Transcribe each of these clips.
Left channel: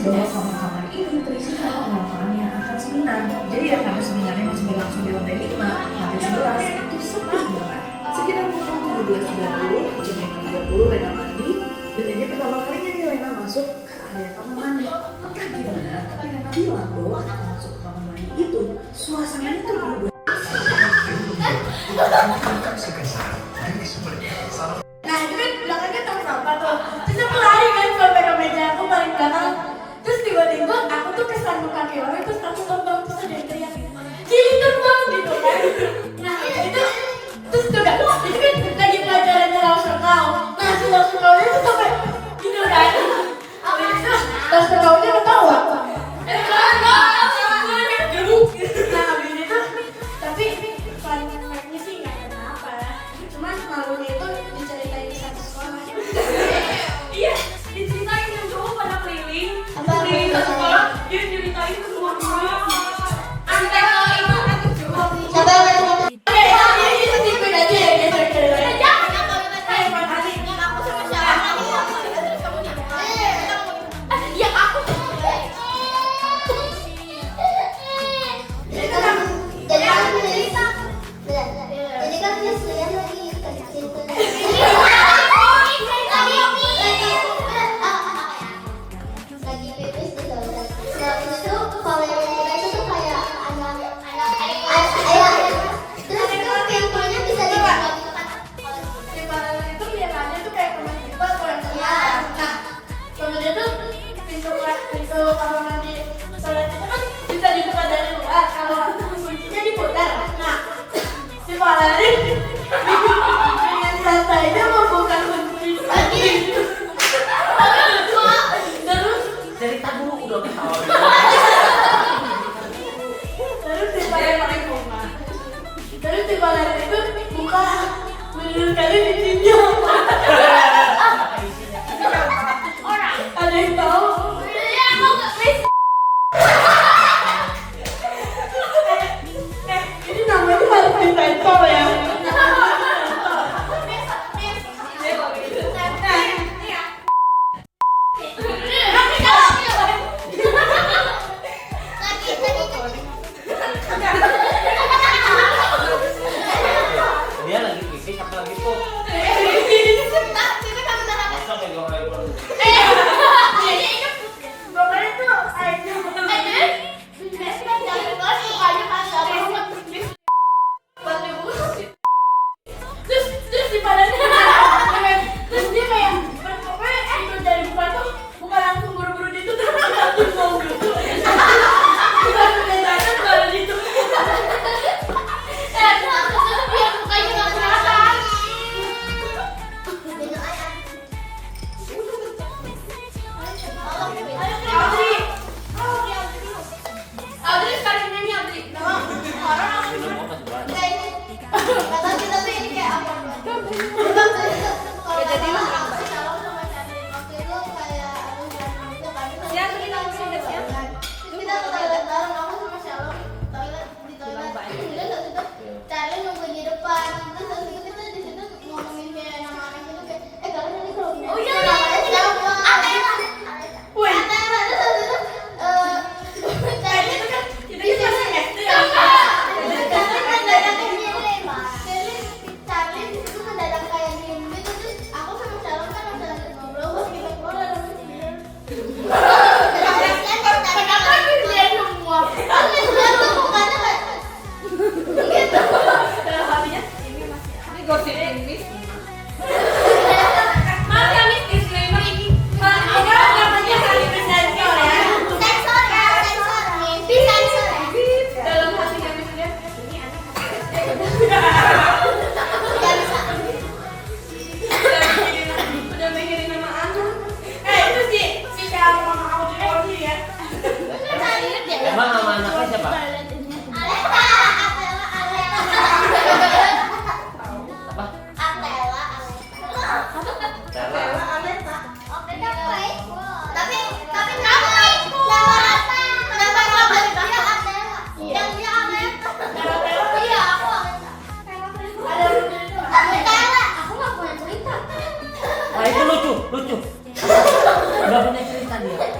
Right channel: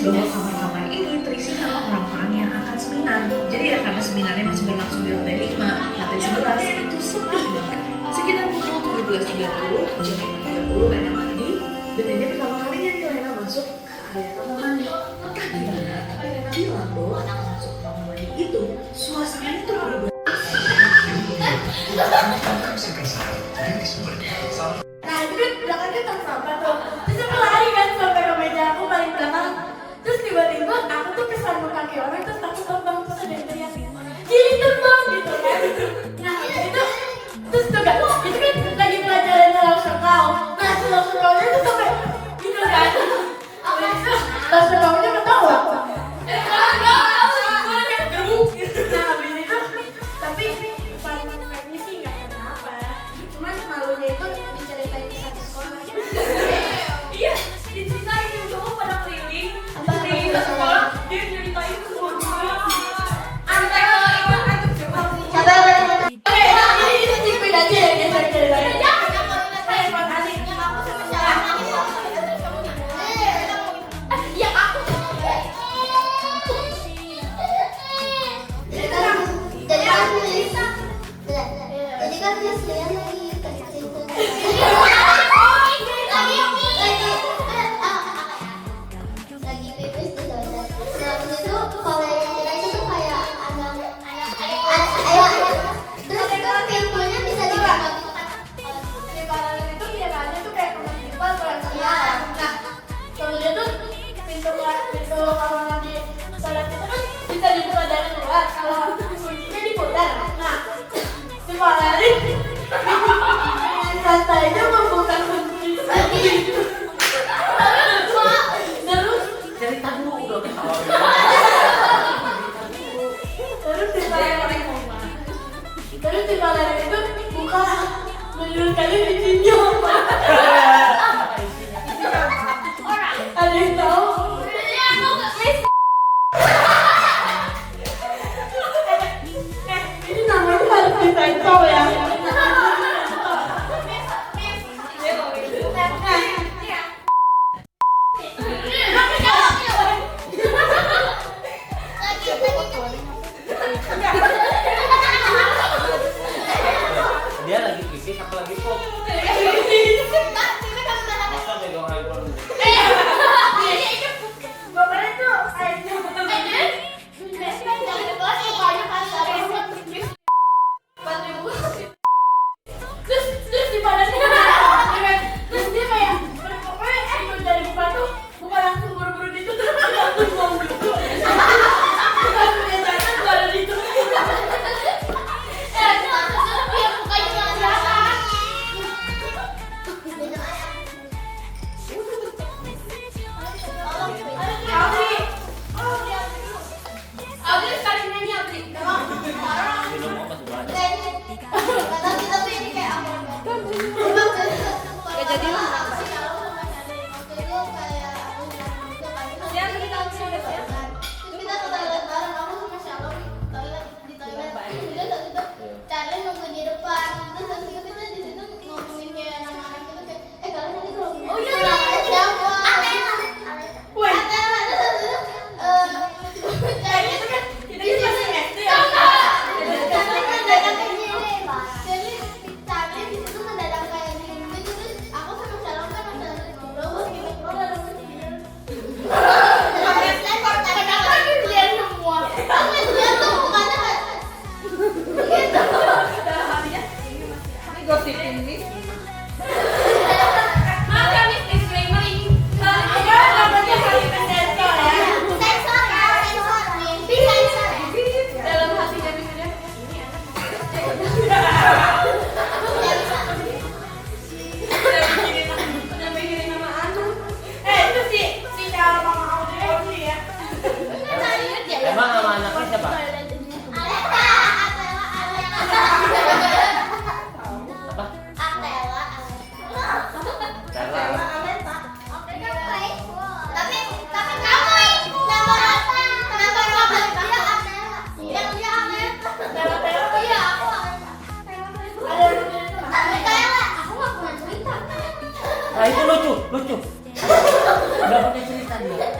Bahwa kamar-kamar ini terisi sama orang-orang yang akan seminar. Jadi ya karena seminarnya masih berlangsung di lantai 5 sampai 11 itu sepi banget. Sekitar pukul 17.30 jam 30 Lena mandi dan ini pertama kalinya nih Lena masuk area kamar mandi. Entah gimana, tapi Lena bilang bahwa masuk kamar mandi itu suasananya tuh berubah. Nah itu kan belakangnya tong sampah tuh. Terus aku lari kan sampai ke meja aku paling belakang. Terus tiba-tiba aku tuh kesandung kaki orang terus aku terbang terus ada yang teriak gini terbang gitu kan. Nah itu terus tuh kan itu kan lagi pelajarannya langsung kau. Nah si langsung kaunya tuh sampai gitu kan. Abis itu langsung kaunya ketawa. Nah abis itu tapi paling sih nggak kenapa. Cuman malunya itu diceritain di satu sekolah. Iya, diceritain dan semua pada keliling ke sekolah, dia ceritain ke semua guru. Antek kalau itu Siapa yang berani? Oke, ini tipin aja ya guys. iya aku. Jadi kan Yaslian lagi kerja. Lagi pipis di toilet. Terus itu kalau yang kita itu kayak anak terus itu pintunya bisa dibuka gitu kan. Itu iya kan itu kayak kamar tipe atau yang keluar. Nah kemudian tuh pintu kamar mandi toilet itu kan bisa dibuka dari luar kalau kuncinya diputar. Nah si Valerie dengan santainya membuka kunci itu. Terus Dari tahu udah tahu. terus si Valerie itu buka menurut kalian isinya apa? Ada yang tahu? Ini namanya harus disensor ya. Dia lagi pipis, aku lagi pop. Masa pegang handphone? Pokoknya tuh airnya terus di badannya terus dia kayak pokoknya itu dari buka tuh bukan langsung buru-buru ditutup tapi langsung mau gitu langsung biasanya baru ditutup. Audrey sekali nyanyi Audrey. Tapi ini kayak apa? Udah jadi lah. Waktu itu kayak aku itu kan. Ya, kita Kita ke toilet bareng aku sama Shalom di toilet. Kemudian saat itu Charlie nunggu di depan. Terus saat itu kita di situ ngomongin kayak nama anak itu kayak kalian nanti kalau Oh iya, namanya siapa? Wih. Terus saat itu Charlie itu kan di sini ya. Charlie mendadak ke sini, Pak. Charlie di situ mendadak kayak diem gitu. Terus aku sama Shalom kan udah lagi ngobrol pas kita keluar dari sini. Kenapa dia semua? Aku dia tuh mukanya kayak gitu. Dalam hatinya ini gosip ini. Mas kami disclaimer ini. Apa namanya kali menjadi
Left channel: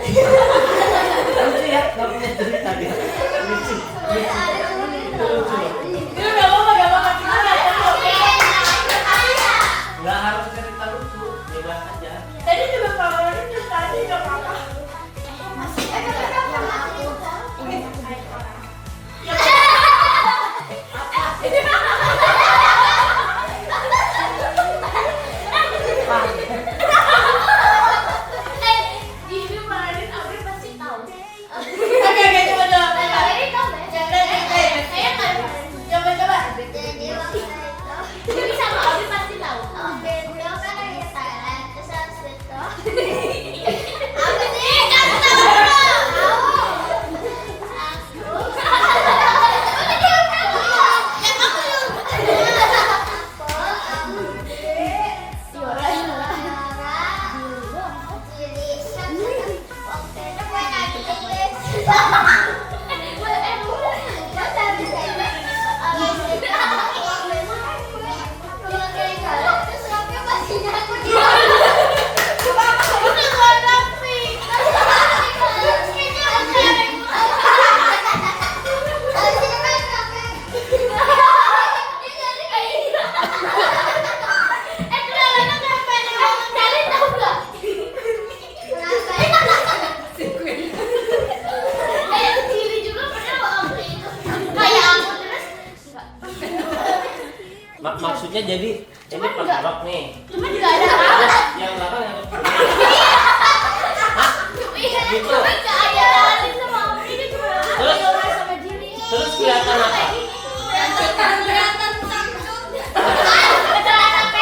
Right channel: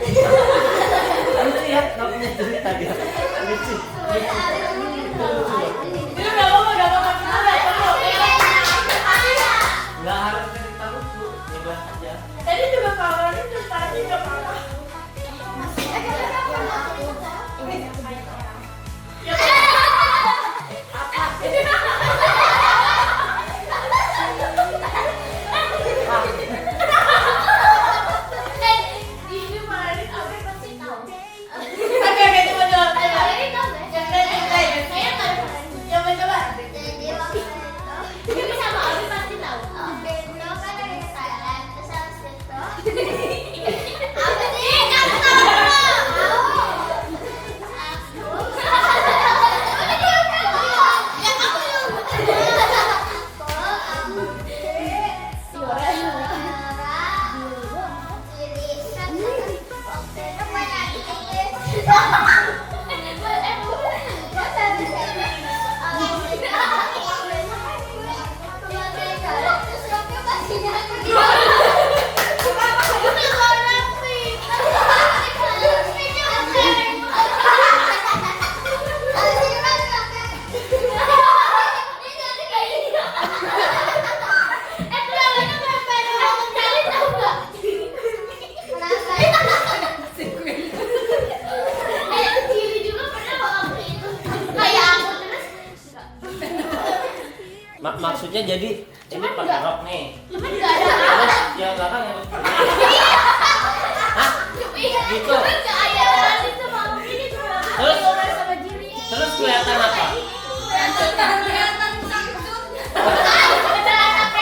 Lucu ya, nggak punya cerita dia. Lucu. Itu nggak apa-apa, cuma nggak perlu. Nggak harus cerita lucu, bebas aja. Tadi juga kalau ini cerita aja nggak apa-apa. Oke, coba jawab. Maksudnya jadi ini pakai rok nih. Cuman nggak ada. Yang belakang yang kecil. Iya, Gitu. cuman nggak ada alis sama ini cuma ada sama Jiri. Terus kelihatan apa?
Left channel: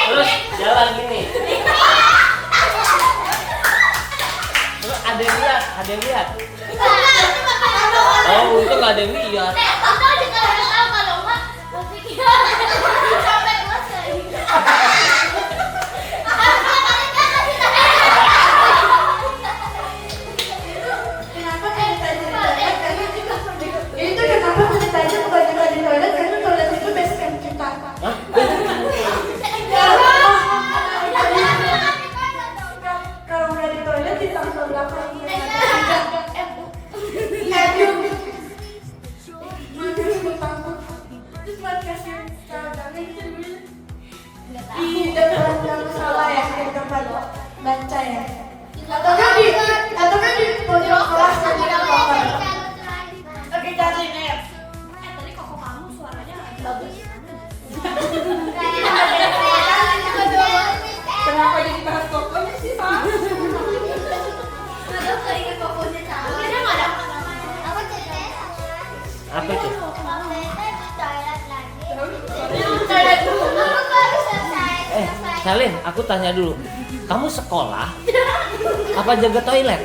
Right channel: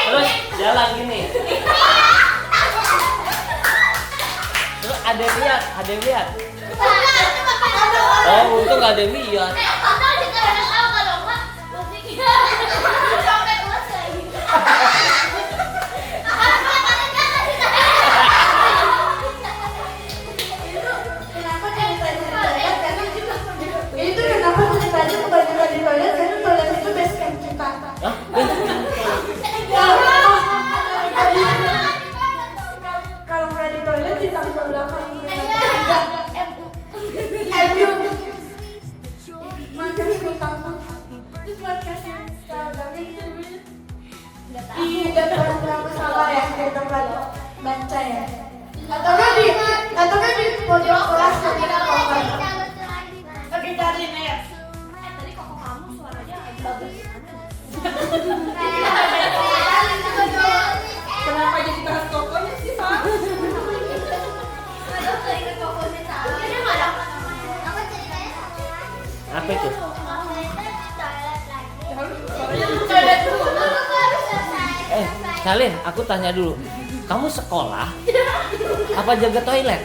Terus dia lagi nih. Terus ada yang lihat. Oh, untung nggak ada yang lihat. Itu kenapa ceritanya kebanyakan di toilet karena toilet itu base camp kita. Hah? Kalau nggak di toilet di tangga belakang. Di depan kamu salah ya, di tempat baca ya. Atau kan di podium kelas jadi apa? Oke, cari nih. Tadi koko kamu suaranya agak bagus. Kenapa jadi bahas kokom sih, Pak? Apa itu? Salin, aku tanya dulu. Kamu sekolah? Apa jaga toilet?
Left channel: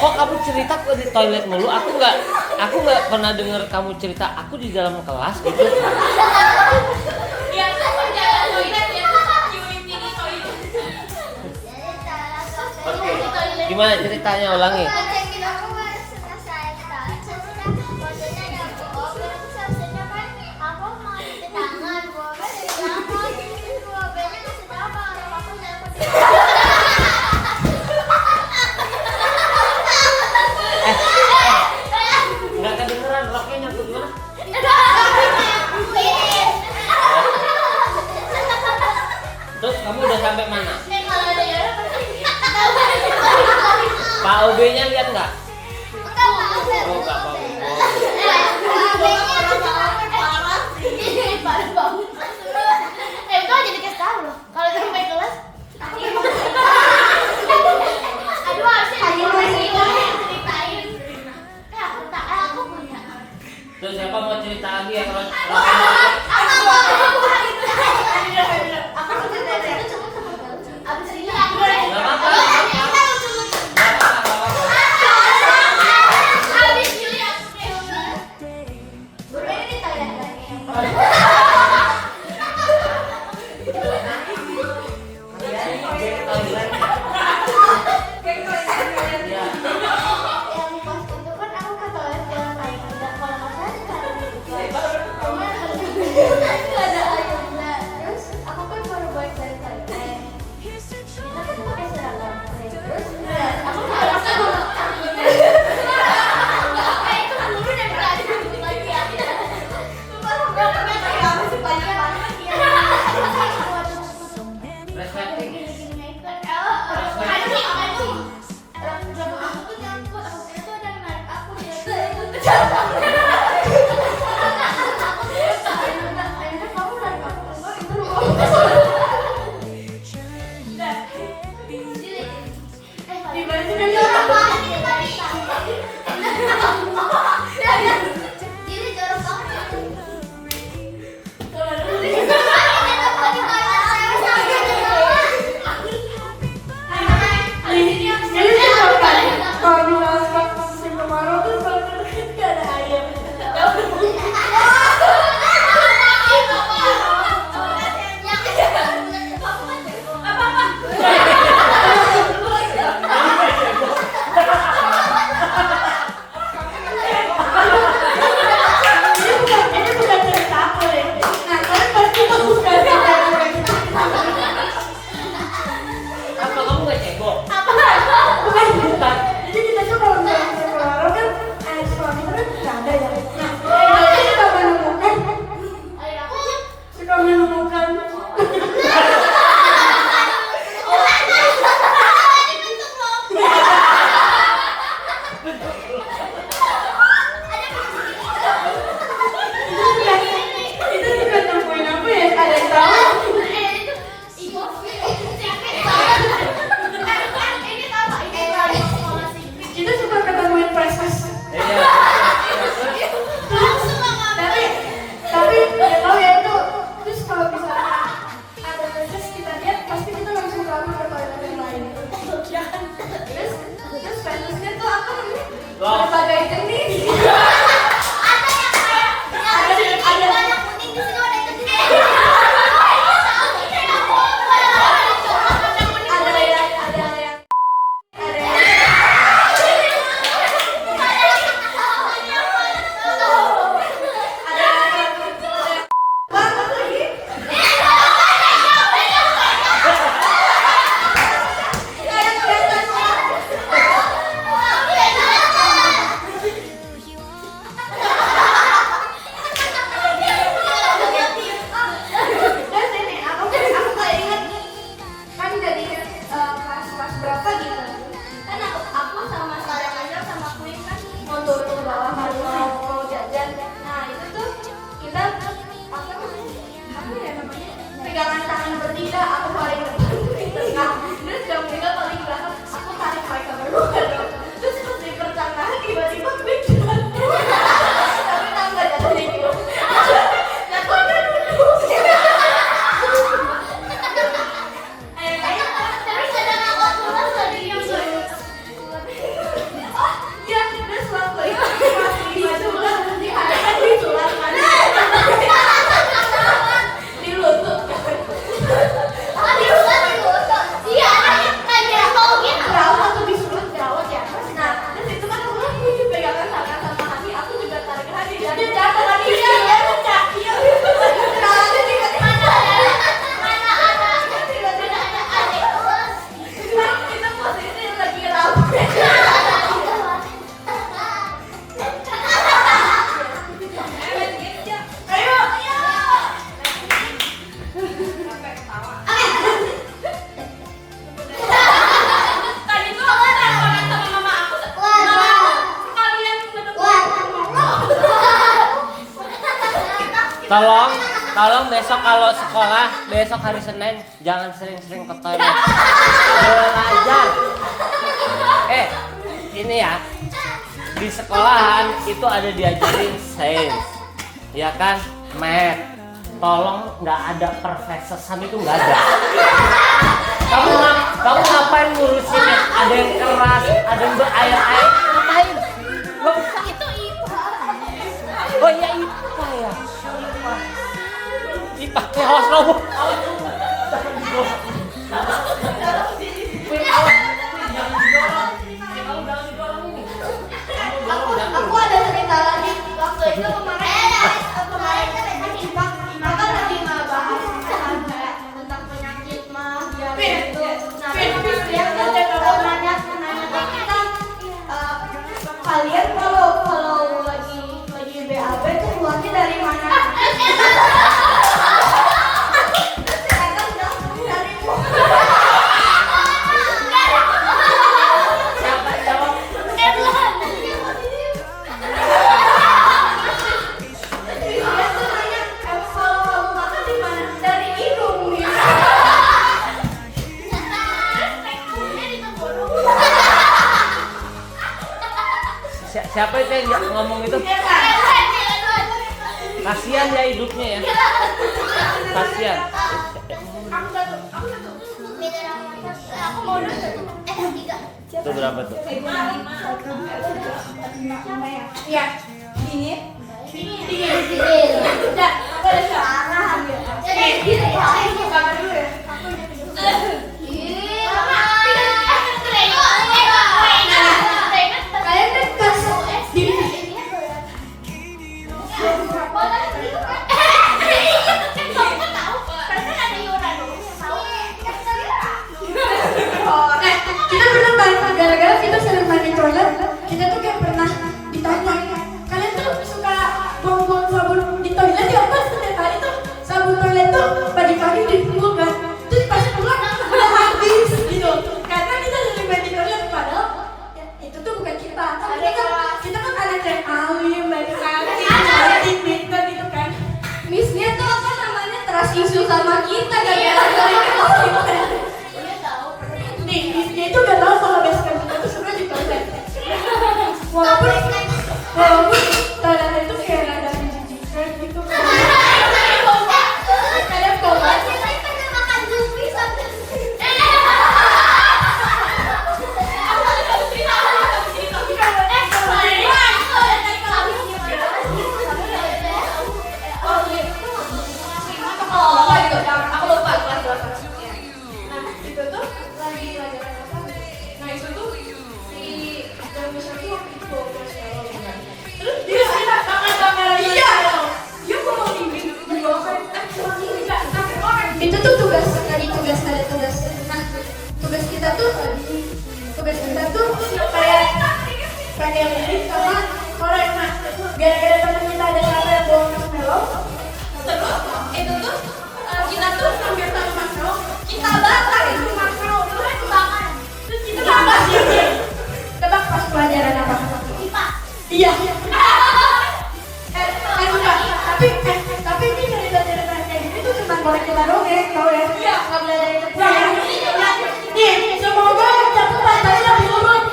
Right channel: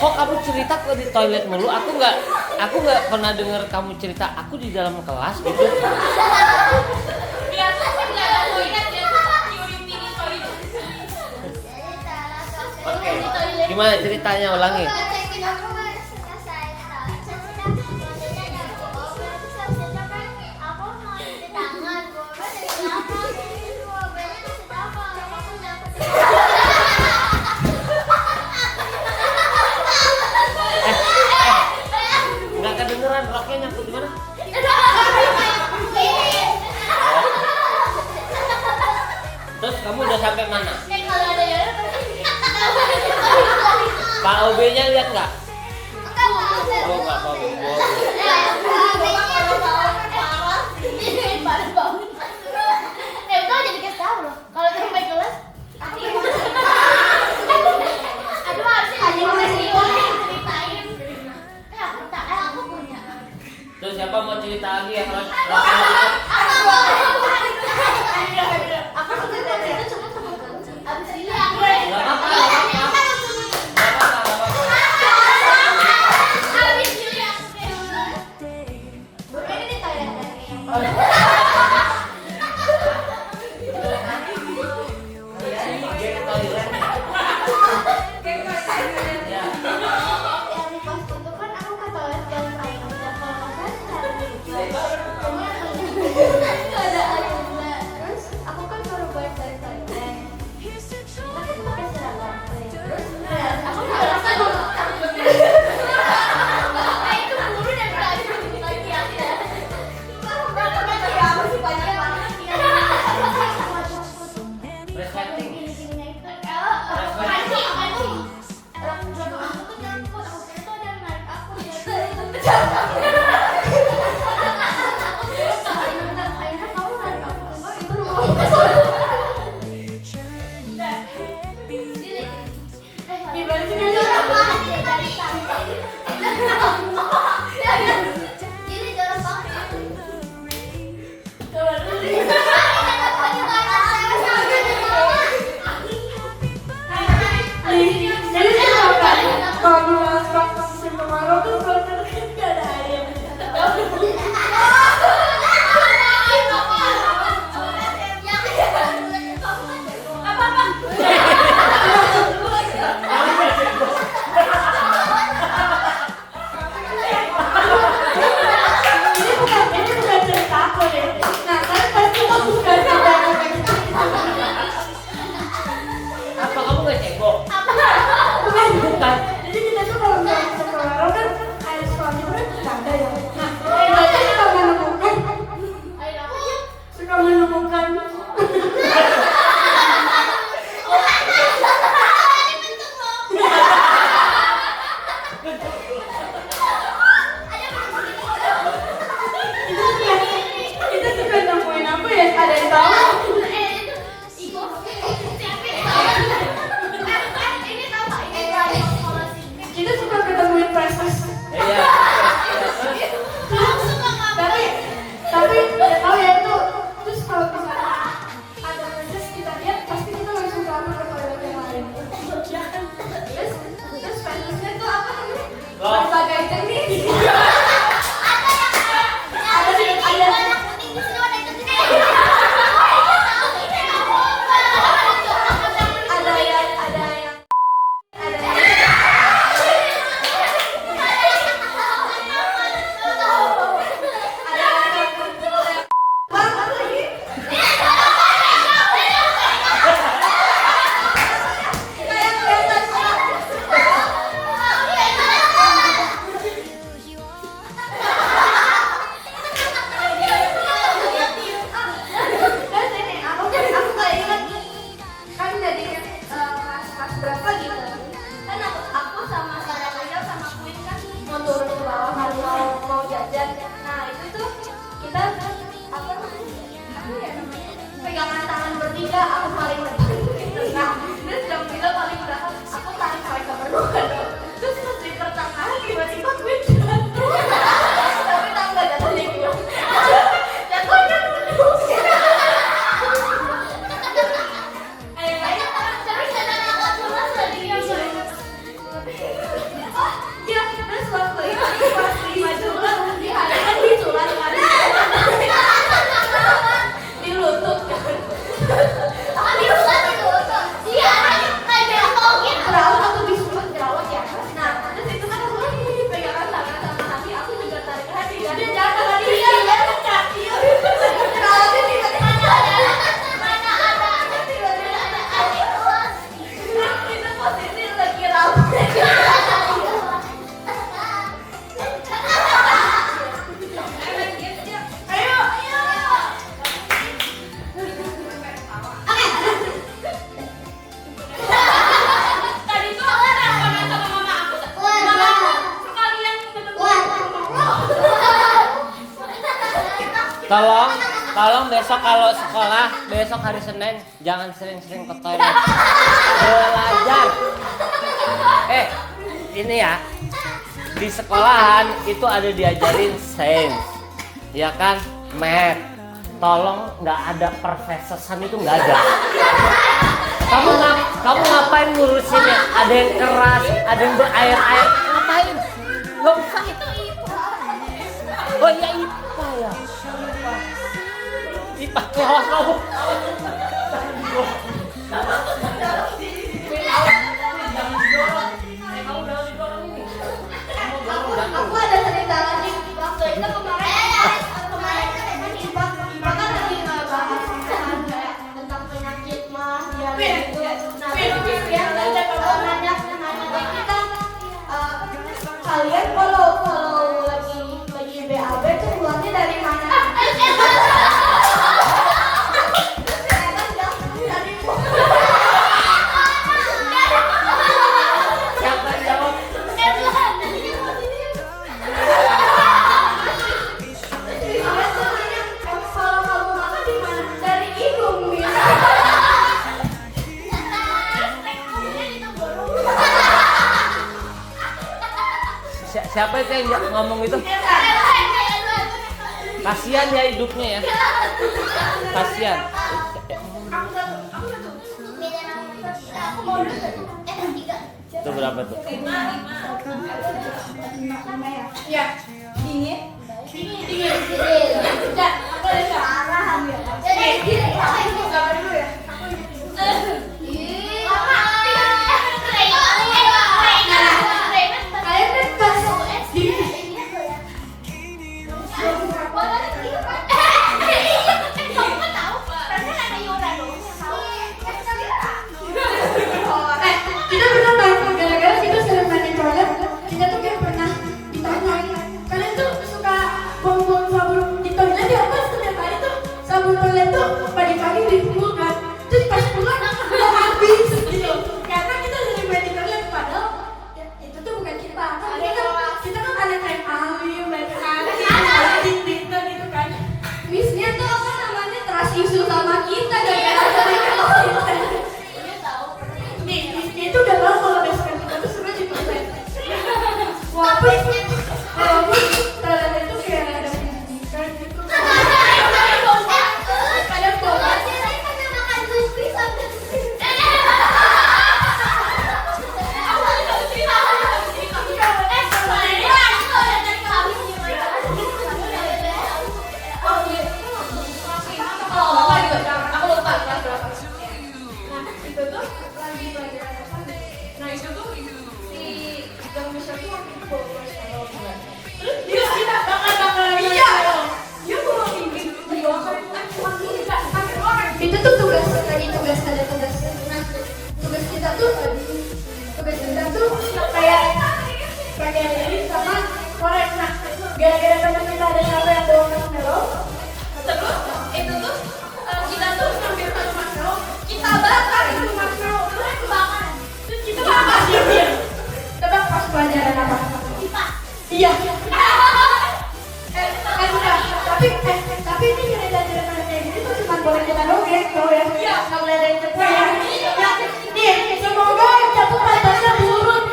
Kok kamu cerita kok di toilet mulu? Aku nggak pernah dengar kamu cerita. Aku di dalam kelas gitu. Biasa jaga toilet ya, security di toilet. Gimana ceritanya, ulangi? Nggak kedengeran roknya nyangkut mana? Terus kamu udah sampai mana? Pak OB-nya lihat nggak? Oh, nggak Pak OB. Terus siapa mau cerita lagi ya kalau nggak apa-apa. Gimana sih kan orang banget ya tadi. Jadi jorok banget. Jadi siapa kan? Kalau di musim kemarau tuh kalau nggak ada air. Ini bukan cerita aku deh. Nah, kan pasti kamu suka sama yang kayak gitu. Apa kamu nggak cebok? Bukan. Jadi kita tuh kalau misalnya musim kemarau kan air suami kan nggak ada ya. Nah, kita suka menemukan kita suka nemuin apa ya? Ada yang tahu? Kita suka ketemuin proses. Iya. Tapi ya tahu ya itu terus kalau misalnya ada proses kita lihat pasti kita langsung lari ke toilet yang lain. Ya kan? Terus prosesnya tuh apa namanya? Berbagai jenis. Pegangan tangan bertiga, aku paling nah, terus yang kita paling belakang, aku tarik mereka berdua dong. Terus pas di pertengahan tiba-tiba gue jatuh. Tapi tak nggak jatuh di gue. Jatuhnya duduk. Ayo, terus ada nama tulang tadi yang oh, ya, terus waktu itu pas di tulang, diadakan di tulang mana? Di lutut. Berawat aku disuruh berawat ya. Nah, terus itu kan aku dipegangan tangan sama Hani, aku juga tarik Hani. Jadi jatuh lagi dia kaki. Berawatnya di mana ada tiba-tiba ada Hani. Itu posisi lagi rame. Ayo. Tadi tuh aku teleponan sama mama aku. Mama, sekalian Tolong besok kalau sekolah, besok hari Senin jangan sering-sering ke toilet. Belajar. Ini ya. Di sekolahan itu ada diajarin sains. Ya kan? Math. Tolong nggak ada perfeksesan itu nggak ada. Kamu ngapain ngurusinnya? Ada yang keras, ada yang berair-air. Ngapain? Nggak usah. Oh iya IPA ya. IPA keos kamu. Aku ada cerita lagi waktu itu kemarin maka lagi ngebahas tentang penyakit mah gitu. Nah, terus dia ada nanya ke kita, kalian kalau lagi BAB tuh keluarnya dari mana? Siapa itu yang ngomong itu? Kasihan ya hidupnya ya. Kasihan. Aku mau dulu. Itu berapa tuh? Ya. Ini. Udah, aku udah salah. Ini gambar dulu ya. Kalian kan pas kita pernah main gara-gara kita sering main di toilet, kita tuh kayak pernah ditanya, kalian tuh suka buang-buang sabun di toilet ya? Pas ternyata itu sabun toilet tuh pagi-pagi dibuang kan, terus pas keluar udah habis gitu. Karena kita sering main di toilet, padahal ya, itu tuh bukan kita. Kita kan anak yang alim, baik sekali, pintar gitu kan. Missnya tuh apa namanya trust issue sama kita gara-gara mereka. Nih, missnya itu gak tau kalau basecamp kita tuh sebenarnya di toilet. Walaupun toilet itu kayak ada didikan gitu. Kalian bawa. Aku lupa. Nah, itu tuh lagi pelajaran apa? Nah, itu tuh si Darwis itu waktu itu bawa marshmallow. Terus dia bakar. Iya. Dia bawa ini dibawakan cuma ini enggak sampai orang. Itu tuh tugas ada tugas. Nah, tugas kita tuh kayak ini sama orang. Nah, gara-gara teman kita ada yang bawa marshmallow. Terus itu tuh kita tuh ngambil satu marshmallow, kita bakar itu marshmallow, terus kita bakar dia. Tebak pas pelajaran apa? IPA. Iya. Tapi ini cerita kayak gini tuh cuma boleh kita dongeng, tau ya? Iya. Nggak boleh ada yang percaya. Nih, semoga cepet matanya buruk.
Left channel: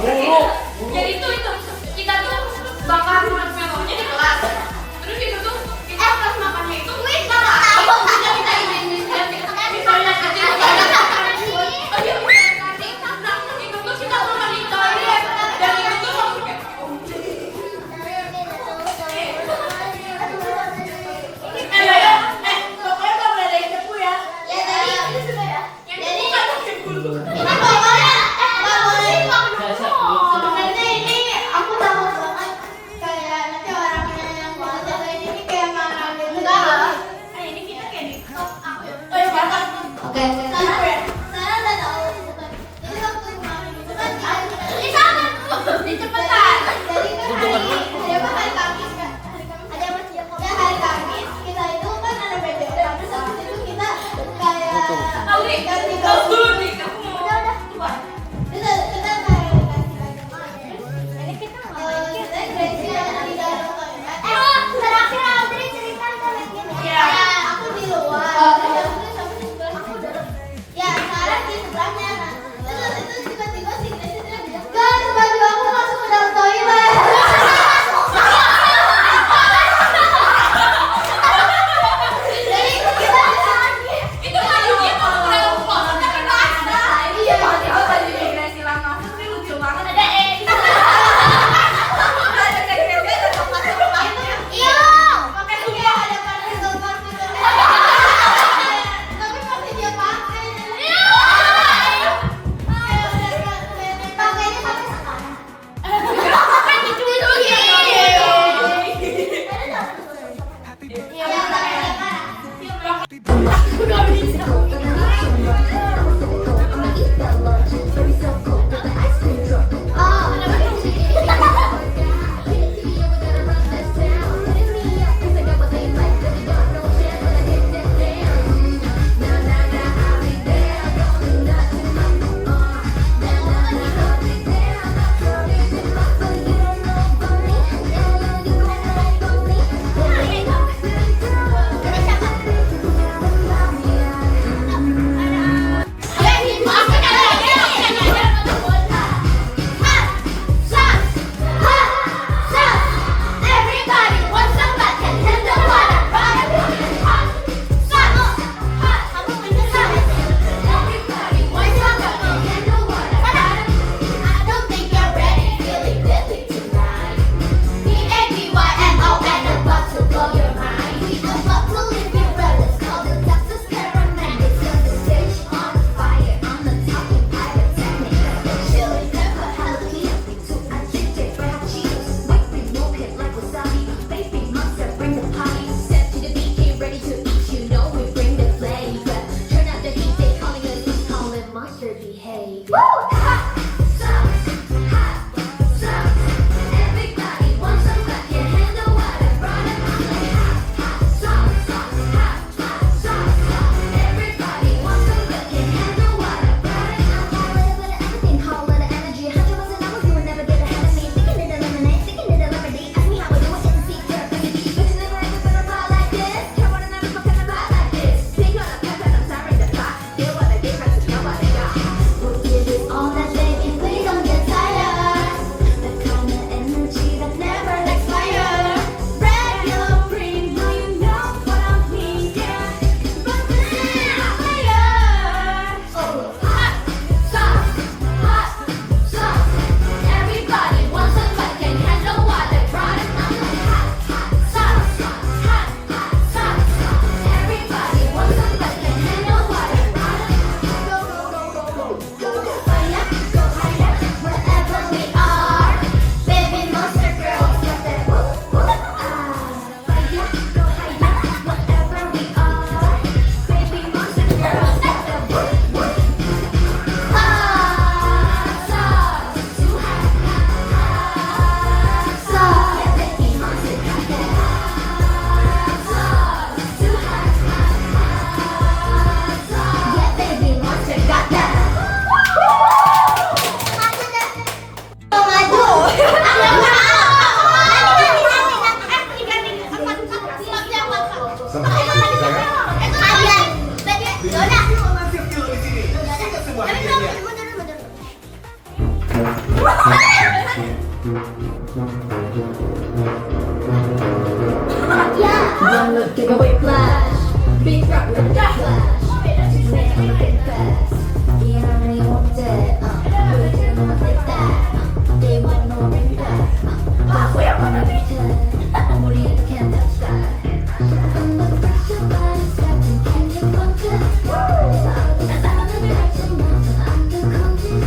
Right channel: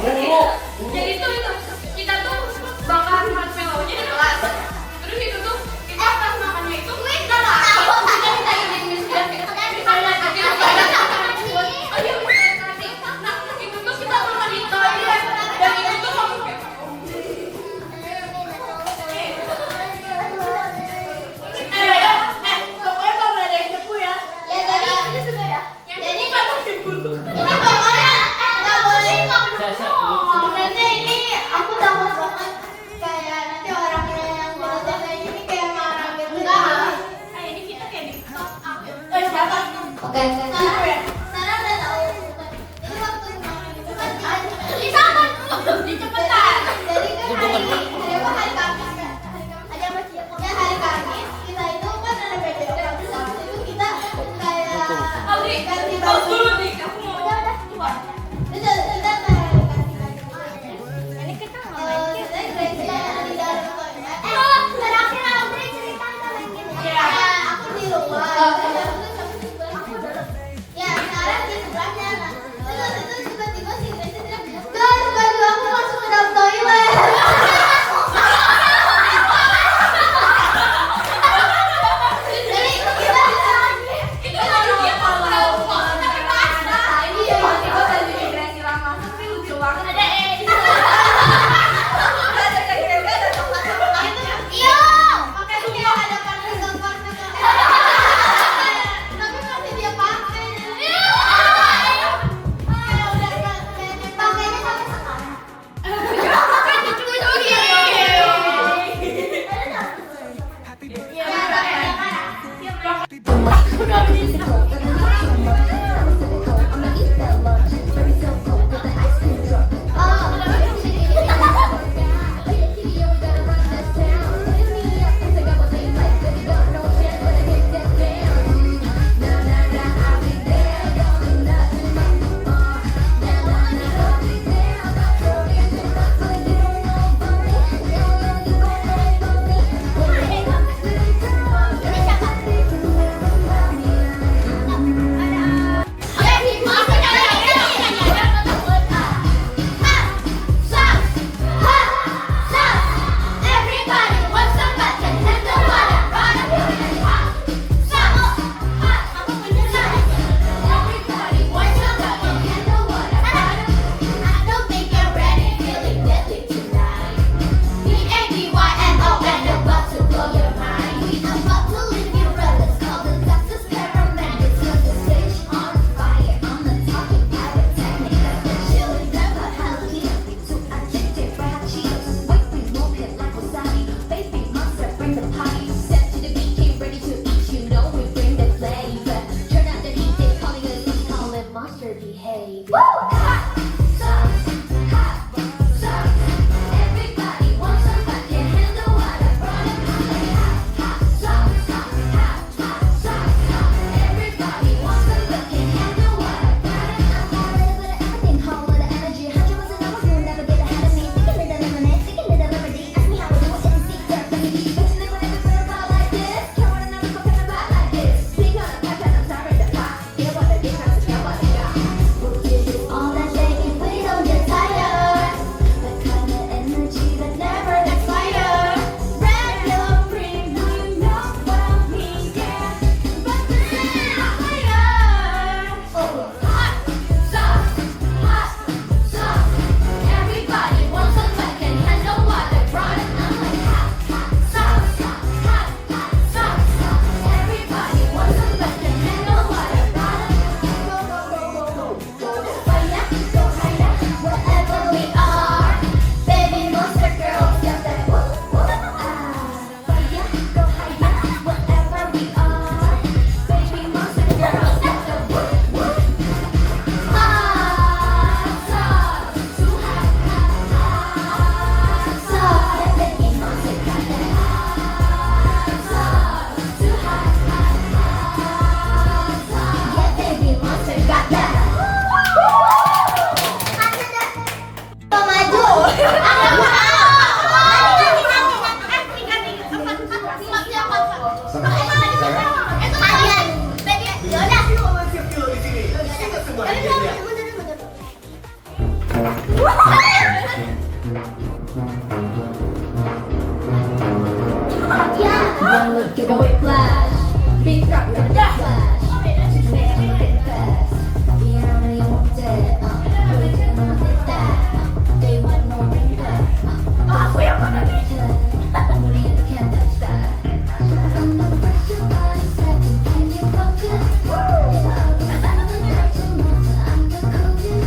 Jadi itu Don't look at the whiplash. Big rock with a flash. Man, it fast. You only want that. We're gonna make that. They want no ring back. We're gonna be good. 우리 can't touch that. I'm the first to buy something. Can you pump it? I'm the first to move. I'm the coldest.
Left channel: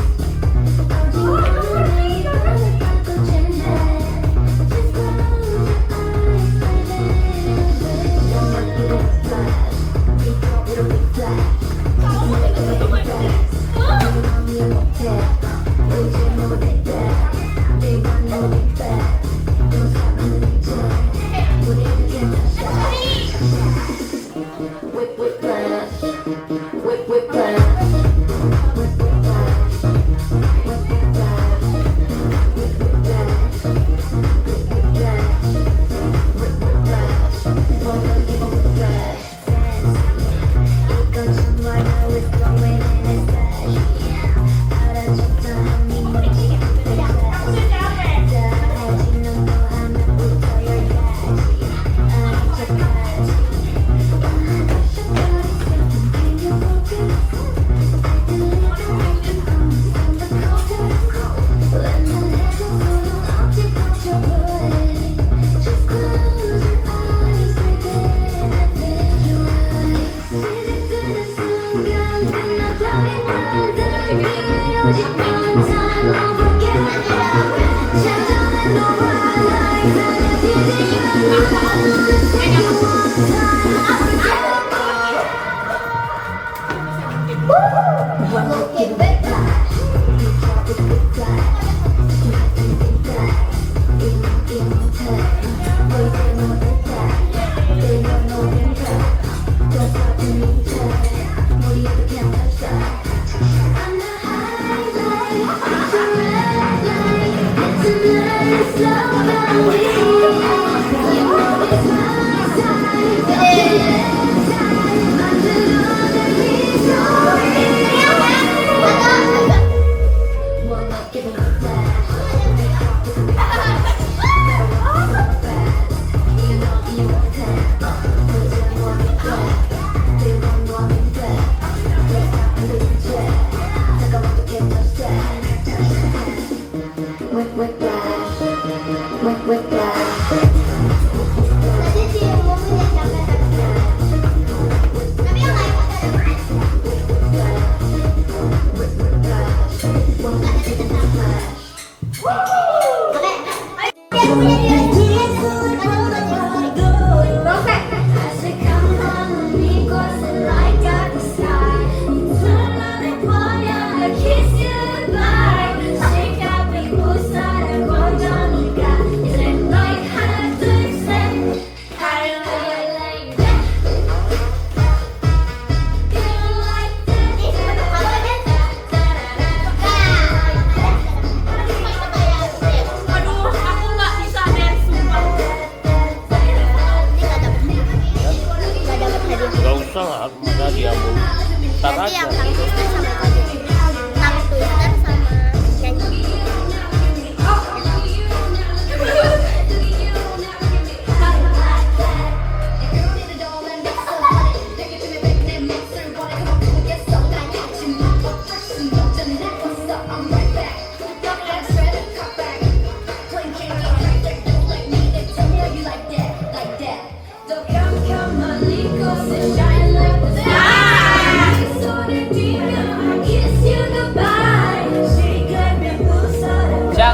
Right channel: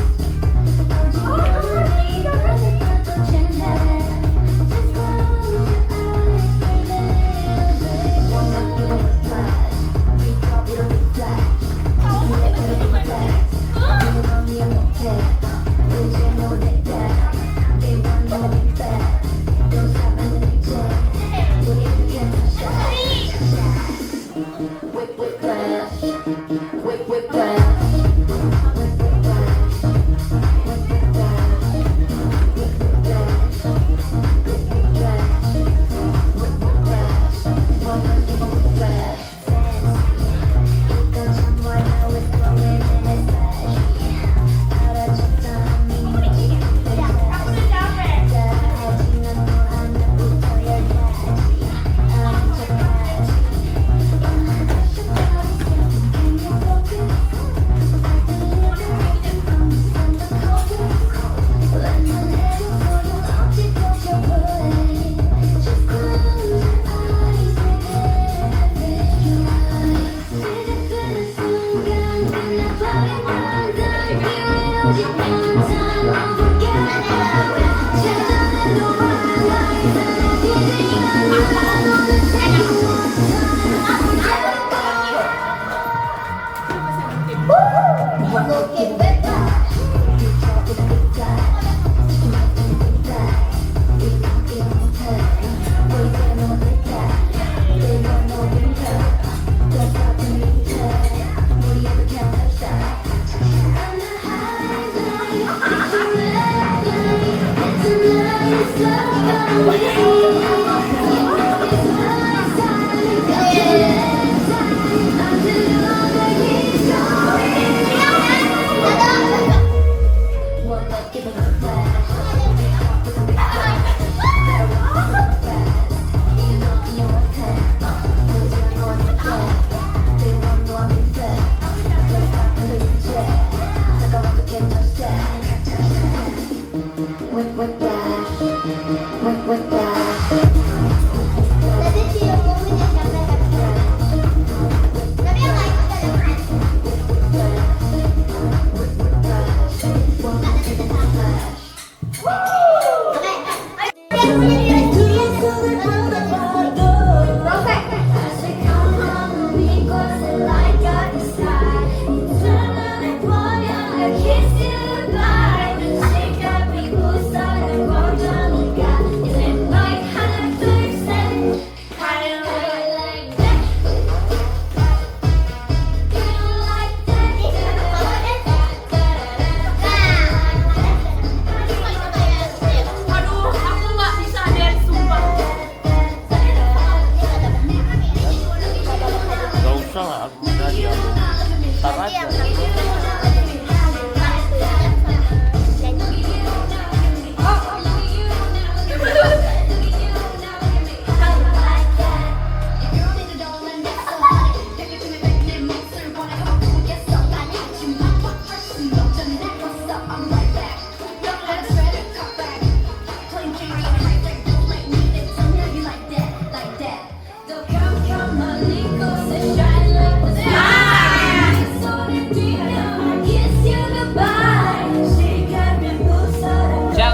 Kiss you.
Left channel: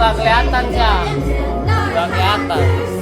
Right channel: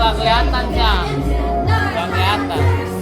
nggak kelihatan sih, nggak kelihatan.